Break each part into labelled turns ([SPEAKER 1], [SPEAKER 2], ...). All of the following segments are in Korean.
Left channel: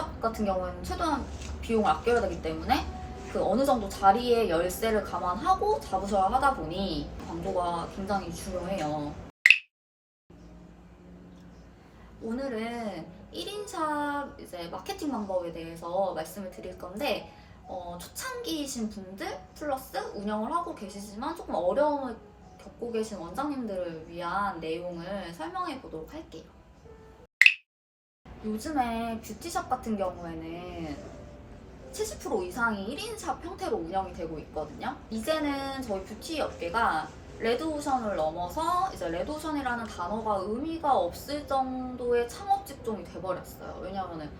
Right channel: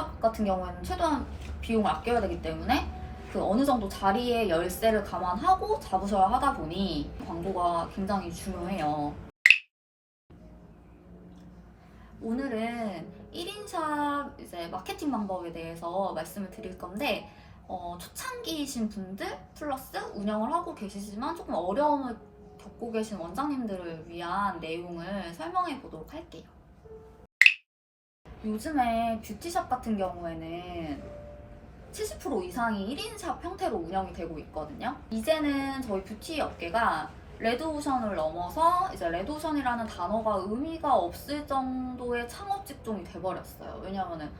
[SPEAKER 1] 1인샵 같은 경우에는 최대한 비용을 아껴야 되기 때문에 그 어느 정도 자리의 열쇠를 감안하고 잡으셔야 하다 보니 광고가 굉장히 중요해요. 오늘은 1인샵 이제 마케팅 방법에 대해서 말씀을 드릴 건데 어, 초창기이신 분들 플러스 운영을 하고 계시지만 조금 어려움을 겪고 계신 원장님들을 위한 내용을 설명해 보도록 할게요. 요즘에 뷰티샵 같은 경우에는 70% 이상이 1인 샵 형태로 운영이 되고 있거든요. 이제는 저희 뷰티 업계가 레드오션을 넘어서 이제 레드오션이라는 단어가 의미가 없을 정도의 창업 직종이 돼버렸어요. 왜냐하면은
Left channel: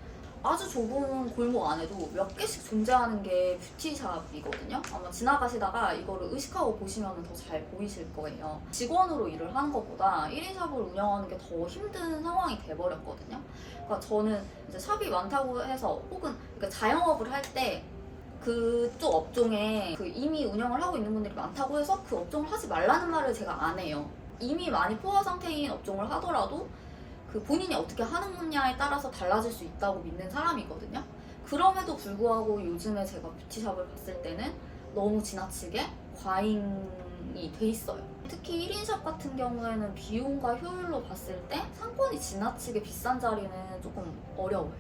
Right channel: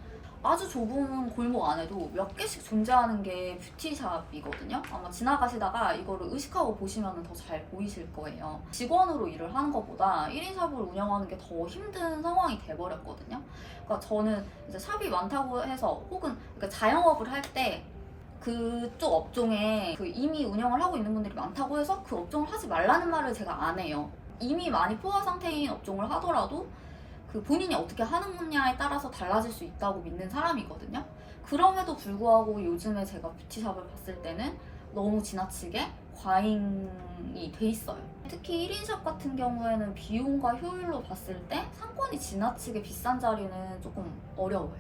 [SPEAKER 1] 아주 좁은 골목 안에도 몇 개씩 존재하는 게 뷰티샵이거든요. 아마 지나가시다가 이거를 의식하고 보시면 더 잘 보이실 거예요. 직원으로 일을 하는 것보다 1인 샵을 운영하는 게 더 힘든 상황이 돼버렸거든요. 그러니까 저는 이제 샵이 많다고 해서 혹은 그러니까 자영업을 할때 그쪽 업종에 그 이미 운영을 하고 있는 분들이 많다고 해서 그 업종을 하지 말라는 말을 제가 안 해요. 이미 많이 포화 상태인 업종을 하더라도 그 본인이 어떻게 하느냐에 따라서 달라질 수 있다고 믿는 사람이거든요. 그럼에도 불구하고 요즘에 제가 뷰티샵을 봤을 때는 너무 지나치게 과잉이 돼 있어요. 특히 1인샵 같은 경우에는 비용과 효율로 봤을 때 상권이 지나치게 비싼 자리는 조금 어려워요.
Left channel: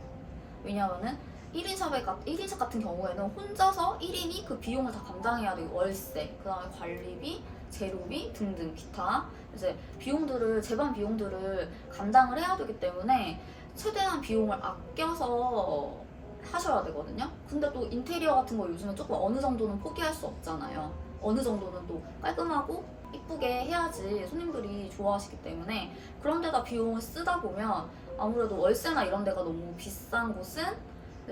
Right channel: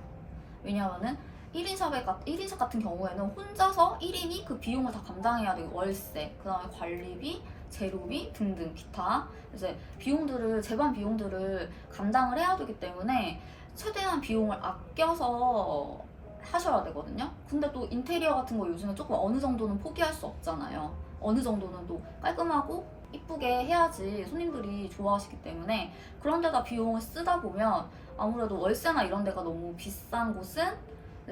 [SPEAKER 1] 왜냐면은 1인샵에, 1인샵 같은 경우에는 혼자서 1인이 그 비용을 다 감당해야 되고 월세, 그 다음에 관리비, 재료비 등등 기타 이제 비용들을 재반 비용들을 감당을 해야 되기 때문에 최대한 비용을 아껴서 하셔야 되거든요. 근데 또 인테리어 같은 거 요즘에 조금 어느 정도는 포기할 수 없잖아요. 어느 정도는 또 깔끔하고 이쁘게 해야지 손님들이 좋아하시기 때문에 그런 데다 비용을 쓰다 보면 아무래도 월세나 이런 데가 너무 비싼 곳은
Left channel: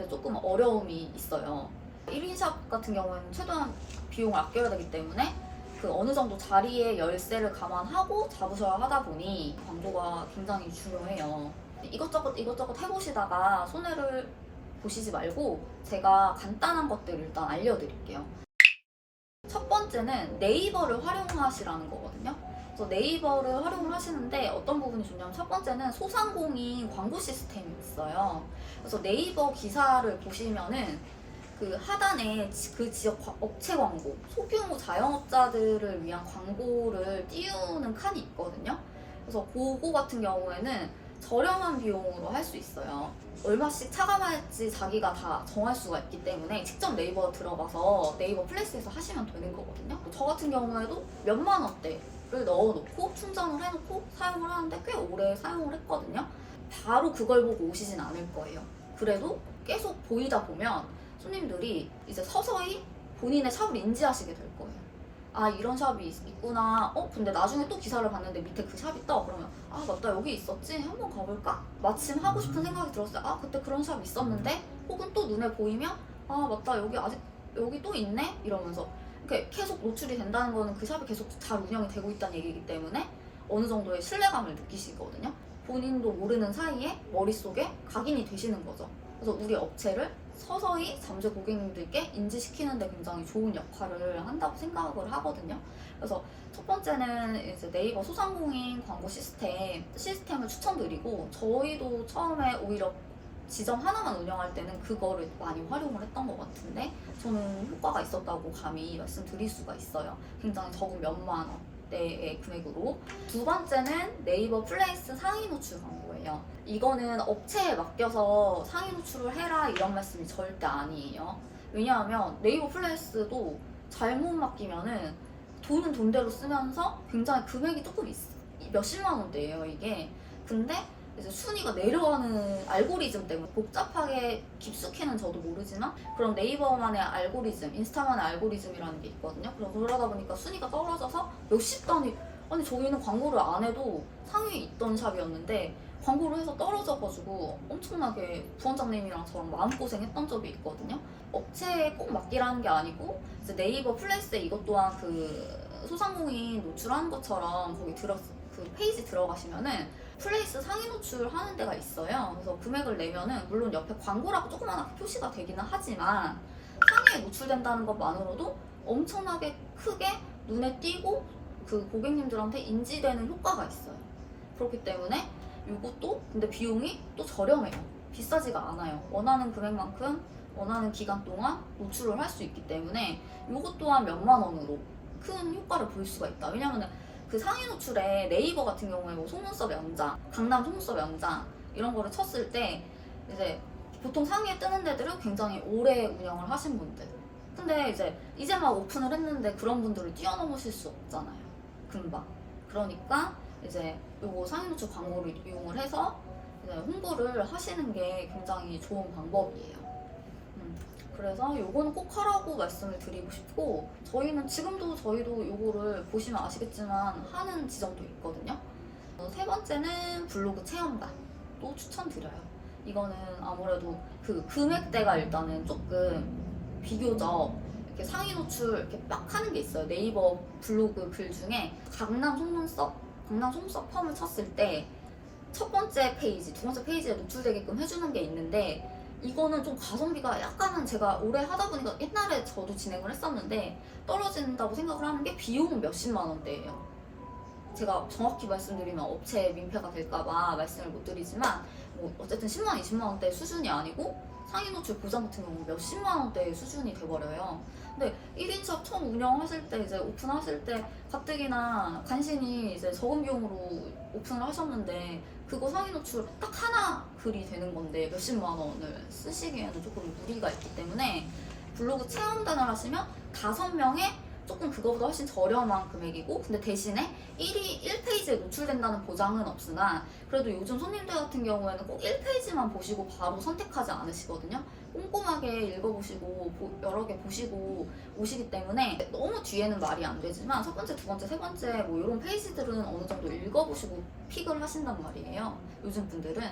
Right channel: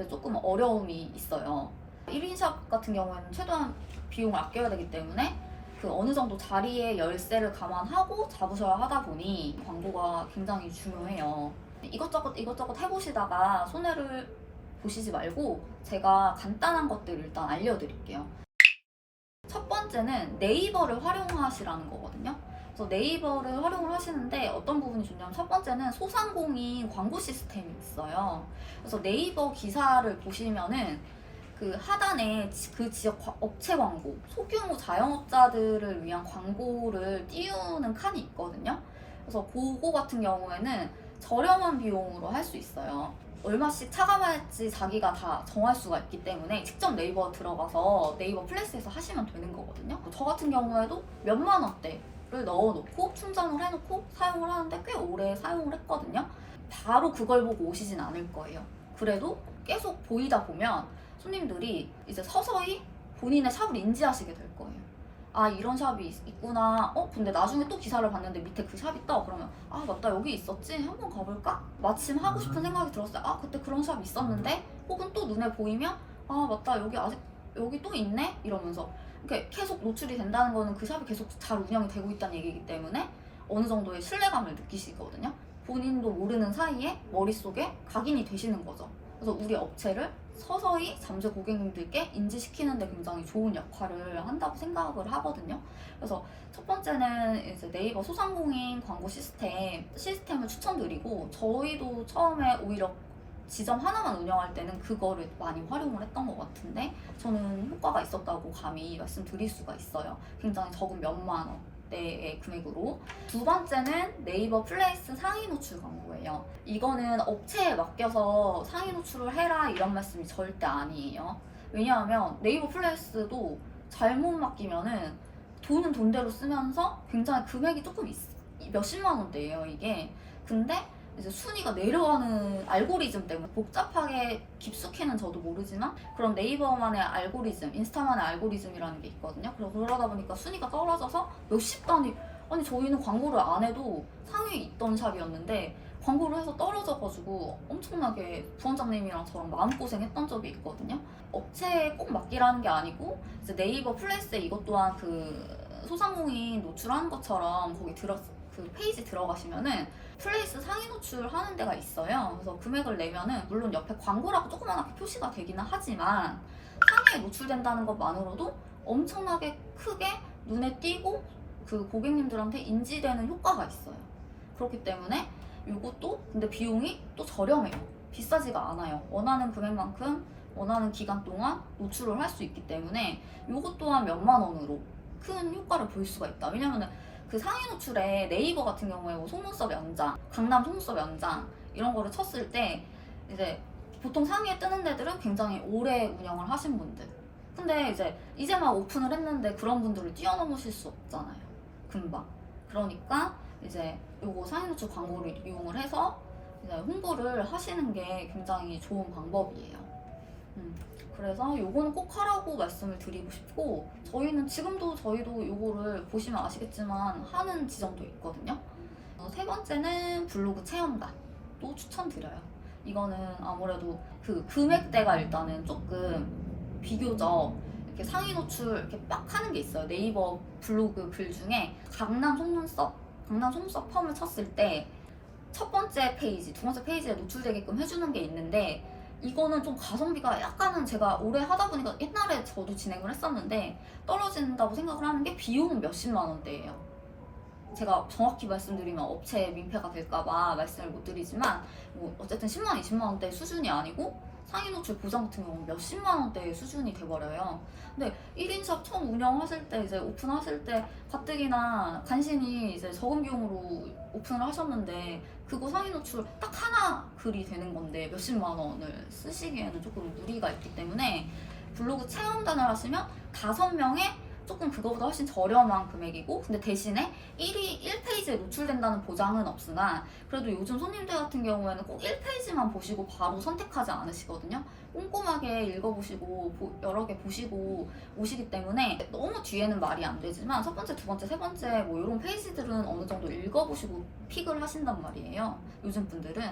[SPEAKER 1] 조금 어려움이 있어요. 1인샵 같은 경우에는 최대한 비용을 아껴야 되기 때문에 그 어느 정도 자리의 열쇠를 감안하고 잡으셔야 하다 보니 광고가 굉장히 중요해요. 이것저것 이것저것 해보시다가 손해를 보시지 말고 제가 간단한 것들을 일단 알려드릴게요. 첫 번째는 네이버를 활용하시라는 거거든요. 그래서 네이버를 활용을 하시는데 어떤 부분이 좋냐면 첫 번째는 소상공인 광고 시스템이 있어요. 그래서 네이버 기사를 보시면은 그 하단에 지- 그 지역 과- 업체 광고, 소규모 자영업자들을 위한 광고를 띄우는 칸이 있거든요. 그래서 그거 같은 경우에는 저렴한 비용으로 할 수 있어요. 얼마씩 차감할지 자기가 다 정할 수가 있기 때문에 직접 네이버 들어가서 네이버 플레이스에서 하시면 되는 거거든요. 저 같은 경우에도 몇만 원대를 넣어놓고 충전을 해놓고 사용을 하는데 꽤 오래 사용을 했거든요. 바로 그걸 보고 오시진 않을 거예요. 그래도 계속 보이다 보면 손님들이 이제 서서히 본인의 샵을 인지하시게 될 거예요. 아 이런 샵이 있- 있구나. 어 근데 나중에 또 기사를 봤는데 밑에 그 샵이 떠. 그러면 아 맞다 여기 있었지. 한번 가볼까? 마침 하고 싶은 생각이 들었어요. 아 그때 그런 샵 있었는데. 혹은 또 눈에 보이면 아 맞다 여기 아직 여기 또 있네. 이러면서 이렇게 계속 노출이 된다는 거는 그 샵이 계속 잘 운영이 되고 있다는 얘기이기 때문에 어느 정도의 신뢰감을 느끼시거든요. 본인도 모르는 사이에 머릿속에 각인이 되시는 거죠. 그래서 우리 업체를 서서히 잠재 고객님들께 인지시키는 데 굉장히 좋은 역할을 한다고 생각을 하거든요. 그래서 첫 번째는 이제 네이버 소상공인 광고 시스템 시스템을 추천드리고 저희도 처음에 오히려 지점 하나만 운영할 때는 그거를 많이 활용을 했던 것 같은데 저는 효과가 있었다고 감히 말씀드릴 수가 있어요. 굉장히 적은 몇만 원 대의 금액으로 두 번째는 네이버 플레이스 상위 노출 광고예요. 이거는 업체에 맡겨서 상위 노출을 해라 이런 말씀이 절대 아니에요. 왜냐하면 네이버 플레이스도 잘못 맡기면은 돈은 돈대로 쓰면서 굉장히 금액이 조금 있, 몇십만 원대예요 이게. 근데 이제 순위가 내려가는 알고리즘 때문에 복잡하게 깊숙이는 저도 모르지만 그런 네이버만의 알고리즘, 인스타만의 알고리즘이라는 게 있거든요. 그래서 그러다 보니까 순위가 떨어져서 몇십 단위 아니 저희는 광고를 안 해도 상위에 있던 샵이었는데 광고를 해서 떨어져가지고 엄청나게 부원장님이랑 저랑 마음고생했던 적이 있거든요. 업체에 꼭 맡기라는 게 아니고 이제 네이버 플레이스에 이것 또한 그 소상공인 노출하는 것처럼 거기 들어 그 페이지 들어가시면은 플레이스 상위 노출 하는 데가 있어요. 그래서 금액을 내면은 물론 옆에 광고라고 조그맣게 표시가 되기는 하지만 상위에 노출된다는 것만으로도 엄청나게 크게 눈에 띄고 그 고객님들한테 인지되는 효과가 있어요. 그렇기 때문에 이것도 근데 비용이 또 저렴해요. 비싸지가 않아요. 원하는 금액만큼 원하는 기간 동안 노출을 할 수 있기 때문에 이것 또한 몇만 원으로 큰 효과를 볼 수가 있다. 왜냐면은 그 상위 노출에 네이버 같은 경우에 뭐 속눈썹 연장, 강남 속눈썹 연장 이런 거를 쳤을 때 이제 보통 상위에 뜨는 데들은 굉장히 오래 운영을 하신 분들. 근데 이제 이제 막 오픈을 했는데 그런 분들을 뛰어넘으실 수 없잖아요. 금방. 그러니까 이제 요거 상위 노출 광고를 이용을 해서 이제 홍보를 하시는 게 굉장히 좋은 방법이에요. 음, 그래서 요거는 꼭 하라고 말씀을 드리고 싶고 저희는 지금도 저희도 요거를 보시면 아시겠지만 하는 지점도 있거든요. 어, 세 번째는 블로그 체험단도 추천드려요. 이거는 아무래도 그 금액대가 일단은 조금 비교적 이렇게 상위 노출 이렇게 막 하는 게 있어요. 네이버 블로그 글 중에 강남 속눈썹, 강남 속눈썹 펌을 쳤을 때 첫 번째 페이지, 두 번째 페이지에 노출되게끔 해주는 게 있는데 이거는 좀 가성비가 약간은 제가 오래 하다 보니까 옛날에 저도 진행을 했었는데 떨어진다고 생각을 하는 게 비용은 몇십만 원대예요. 제가 정확히 말씀드리면 업체 민폐가 될까봐 말씀을 못 드리지만 뭐 어쨌든 10만, 20만 원대 수준이 아니고 상위 노출 보장 같은 경우는 몇십만 원대의 수준이 돼버려요. 근데 1인샵 처음 운영하실 때 이제 오픈하실 때 가뜩이나 간신히 이제 적은 비용으로 오픈을 하셨는데 그거 상위 노출 딱 하나 글이 되는 건데 몇십만 원을 쓰시기에는 조금 무리가 있기 때문에 블로그 체험단을 하시면 다섯 명의 조금 그거보다 훨씬 저렴한 금액이고 근데 대신에 1위 1페이지에 노출된다는 보장은 없으나 그래도 요즘 손님들 같은 경우에는 꼭 1페이지만 보시고 바로 선택하지 않으시거든요 꼼꼼하게 읽어보시고 보- 여러 개 보시고 오시기 때문에 너무 뒤에는 말이 안 되지만 첫 번째, 두 번째, 세 번째 뭐 이런 페이지들은 어느 정도 읽어보시고 픽을 하신단 말이에요 요즘 분들은.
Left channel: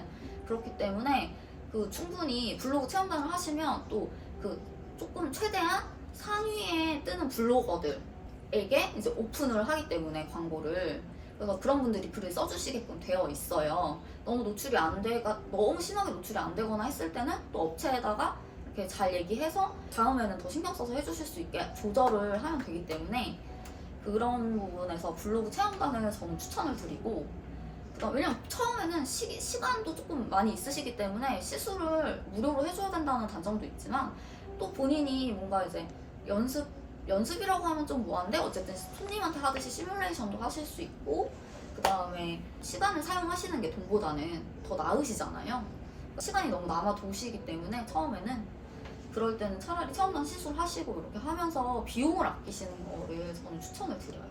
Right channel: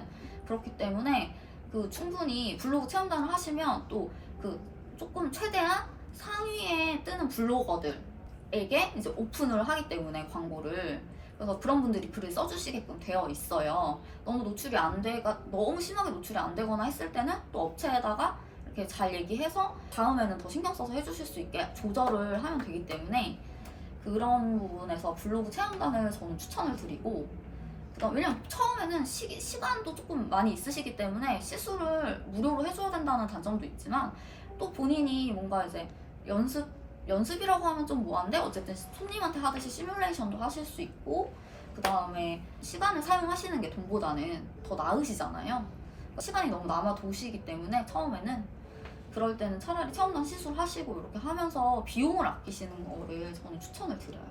[SPEAKER 1] 그렇기 때문에 그 충분히 블로그 체험단을 하시면 또 그 조금 최대한 상위에 뜨는 블로거들에게 이제 오픈을 하기 때문에 광고를 그래서 그런 분들이 글을 써주시게끔 되어 있어요. 너무 노출이 안 되가 너무 심하게 노출이 안 되거나 했을 때는 또 업체에다가 이렇게 잘 얘기해서 다음에는 더 신경 써서 해주실 수 있게 조절을 하면 되기 때문에 그런 부분에서 블로그 체험단을 저는 추천을 드리고 그다음 왜냐면 처음에는 시, 시간도 조금 많이 있으시기 때문에 시술을 무료로 해줘야 된다는 단점도 있지만 또 본인이 뭔가 이제 연습 연습이라고 하면 좀 뭐한데 어쨌든 손님한테 하듯이 시뮬레이션도 하실 수 있고 그 다음에 시간을 사용하시는 게 돈보다는 더 나으시잖아요. 시간이 너무 남아 도시기 때문에 처음에는 그럴 때는 차라리 체험단 시술 하시고 이렇게 하면서 비용을 아끼시는 거를 저는 추천을 드려요.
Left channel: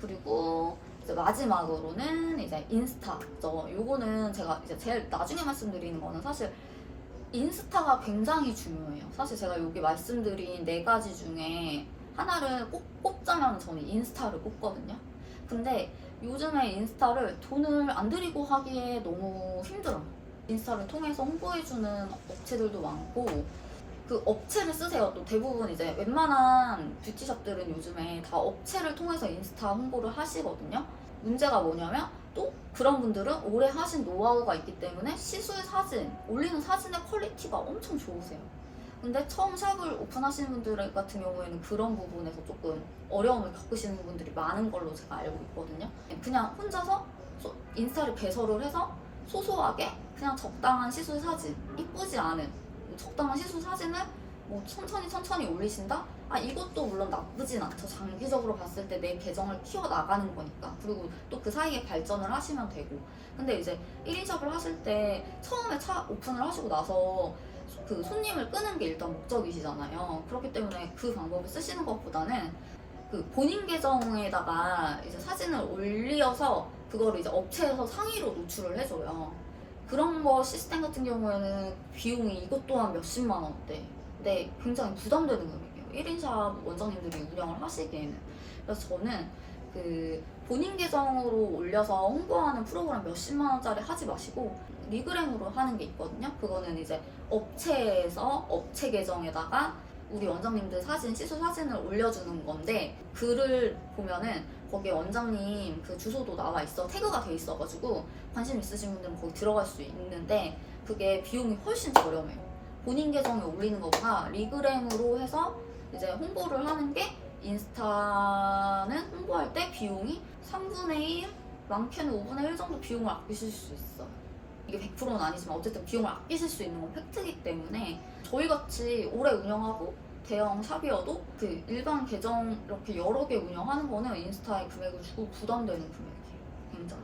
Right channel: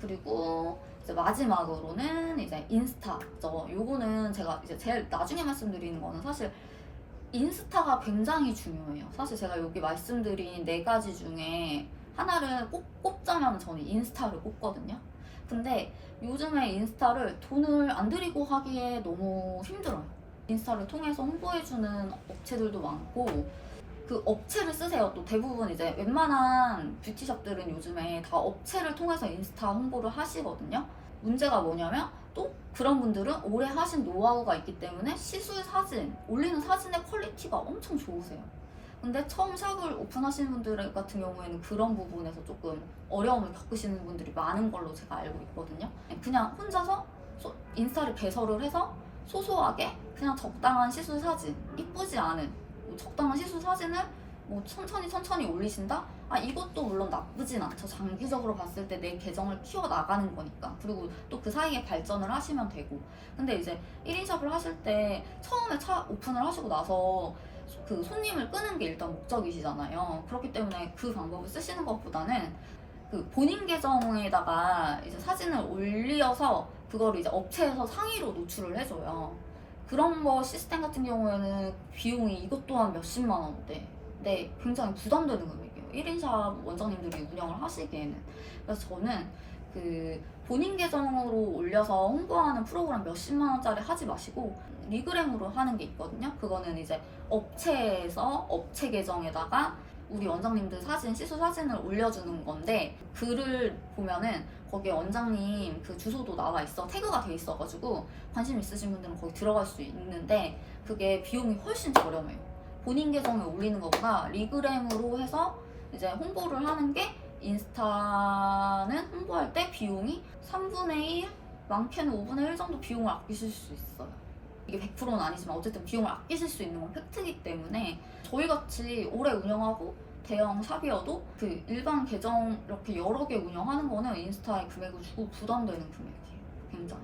[SPEAKER 1] 그리고 이제 마지막으로는 이제 인스타죠. 요거는 제가 이제 제일 나중에 말씀드리는 거는 사실 인스타가 굉장히 중요해요. 사실 제가 여기 말씀드린 네 가지 중에 하나를 꼭 꼽자면 저는 인스타를 꼽거든요. 근데 요즘에 인스타를 돈을 안 들이고 하기에 너무 힘들어요. 인스타를 통해서 홍보해주는 업체들도 많고 그 업체를 쓰세요. 또 대부분 이제 웬만한 뷰티샵들은 요즘에 다 업체를 통해서 인스타 홍보를 하시거든요. 문제가 뭐냐면 또 그런 분들은 오래 하신 노하우가 있기 때문에 시술 사진, 올리는 사진의 퀄리티가 엄청 좋으세요. 근데 처음 샵을 오픈하시는 분들 같은 경우에는 그런 부분에서 조금 어려움을 겪으시는 분들이 많은 걸로 제가 알고 있거든요. 그냥 혼자서 소- 인스타를 개설을 해서 소소하게 그냥 적당한 시술 사진, 이쁘지 않은 뭐 적당한 시술 사진을 뭐 천천히 천천히 올리신다? 아 이것도 물론 나쁘진 않죠. 장기적으로 봤을 때 내 계정을 키워 나가는 거니까. 그리고 또 그 사이에 발전을 하시면 되고. 근데 이제 1인 샵을 하실 때 처음에 차 오픈을 하시고 나서 그 손님을 끄는 게 일단 목적이시잖아요. 그렇기 때문에 그 방법을 쓰시는 것보다는 그 본인 계정에다가 이제 사진을 올려서 그거를 이제 업체에서 상위로 노출을 해줘요. 그런 거 시스템 같은 경우에는 비용이 이것 또한 몇십만 원대. 근데 굉장히 부담되는 금액이에요. 1인샵 원장님들이 운영을 하시기에는. 그래서 저는 그 본인 계정으로 올려서 홍보하는 프로그램 몇십만 원짜리 하지 마시고 리그램으로 하는 게 있거든요. 그거는 이제 업체에서 업체 계정에다가 우리 원장님들 사진, 시술 사진을 올려주는 건데 글을 보면은 거기에 원장님 그 주소도 나와 있어 태그가 돼 있어가지고 관심 있으신 분들은 거기 들어갈 수 있는데 그게 비용이 훨씬 저렴해요. 본인 계정에 올리는 것보다 리그램으로 해서 이제 홍보를 하는 게 인스타는 홍보할 때 비용이 3분의 1, 많게는 5분의 1 정도 비용을 아끼실 수 있어요. 이게 100%는 아니지만 어쨌든 비용을 아끼실 수 있는 건 팩트이기 때문에 저희같이 오래 운영하고 대형 샵이어도 그 일반 계정 이렇게 여러 개 운영하는 거는 인스타에 금액을 주고 부담되는 금액이에요. 굉장히.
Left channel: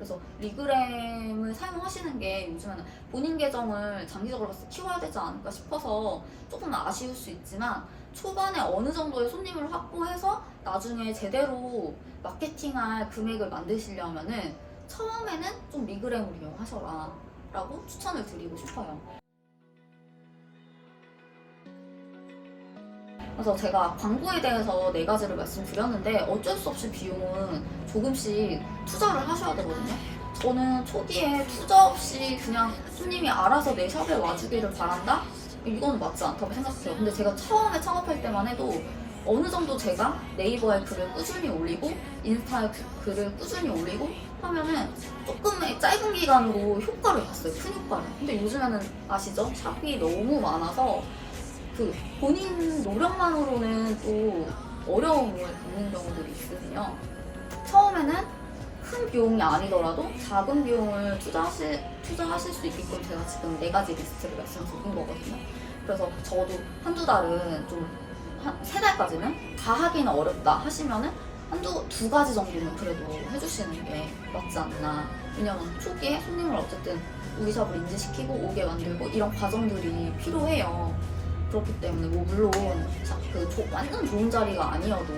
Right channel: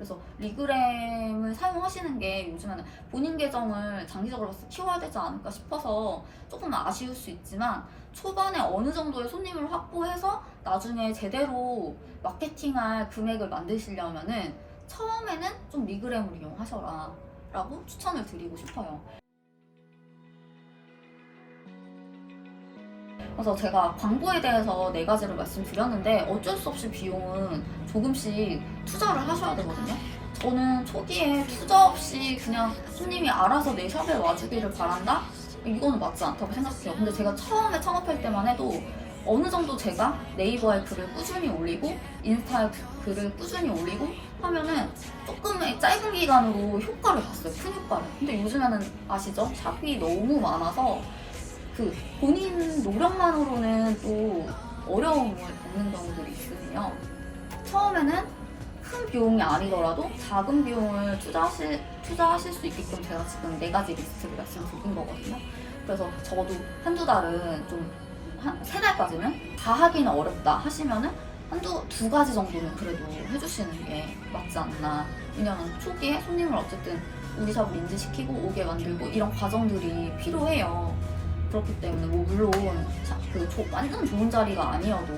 [SPEAKER 1] 그래서 리그램을 사용하시는 게 요즘에는 본인 계정을 장기적으로 봤을 때 키워야 되지 않을까 싶어서 조금 아쉬울 수 있지만 초반에 어느 정도의 손님을 확보해서 나중에 제대로 마케팅할 금액을 만드시려면은 처음에는 좀 리그램을 이용하셔라 라고 추천을 드리고 싶어요. 그래서 제가 광고에 대해서 네 가지를 말씀드렸는데 어쩔 수 없이 비용은 조금씩 투자를 하셔야 되거든요. 저는 초기에 투자 없이 그냥 손님이 알아서 내 샵에 와주기를 바란다? 이거는 맞지 않다고 생각해요. 근데 제가 처음에 창업할 때만 해도 어느 정도 제가 네이버에 글을 꾸준히 올리고 인스타에 그- 글을 꾸준히 올리고 하면은 조금의 짧은 기간으로 효과를 봤어요. 큰 효과를. 근데 요즘에는 아시죠? 샵이 너무 많아서 그 본인 노력만으로는 또 어려움을 겪는 경우들이 있거든요. 처음에는 큰 비용이 아니더라도 작은 비용을 투자하실, 투자하실 수 있게끔 제가 지금 네 가지 리스트를 말씀드린 거거든요. 그래서 저도 한두 달은 좀, 한 세 달까지는 다 하기는 어렵다 하시면은 한두, 두 가지 정도는 그래도 해주시는 게 맞지 않나. 왜냐면 초기에 손님을 어쨌든 우리 샵을 인지시키고 오게 만들고 이런 과정들이 필요해요. 그렇기 때문에 뭐 물론 자- 그 조- 완전 좋은 자리가 아니어도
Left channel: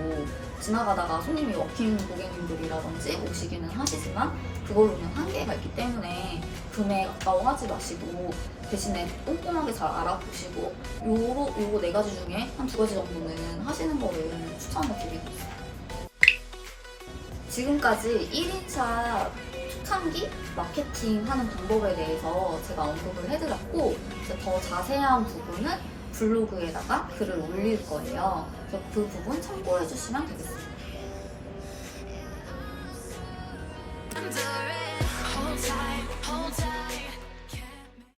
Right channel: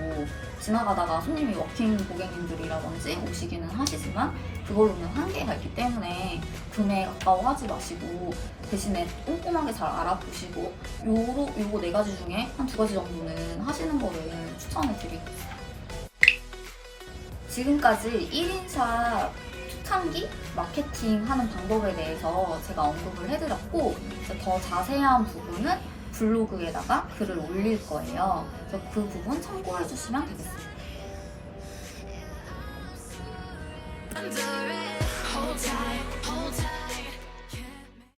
[SPEAKER 1] 지나가다가 손님이 워킹 고객님들이라든지 오시기는 하시지만 그걸로는 한계가 있기 때문에 금액 아까워하지 마시고 대신에 꼼꼼하게 잘 알아보시고 요로 요거 네 가지 중에 한 두 가지 정도는 하시는 거를 추천을 드리고 있어요. 지금까지 1인샵 초창기 마케팅 하는 방법에 대해서 제가 언급을 해드렸고 더 자세한 부분은 블로그에다가 글을 올릴 거예요. 그래서 그 부분 참고해 주시면 되겠습니다.
[SPEAKER 2] Hold.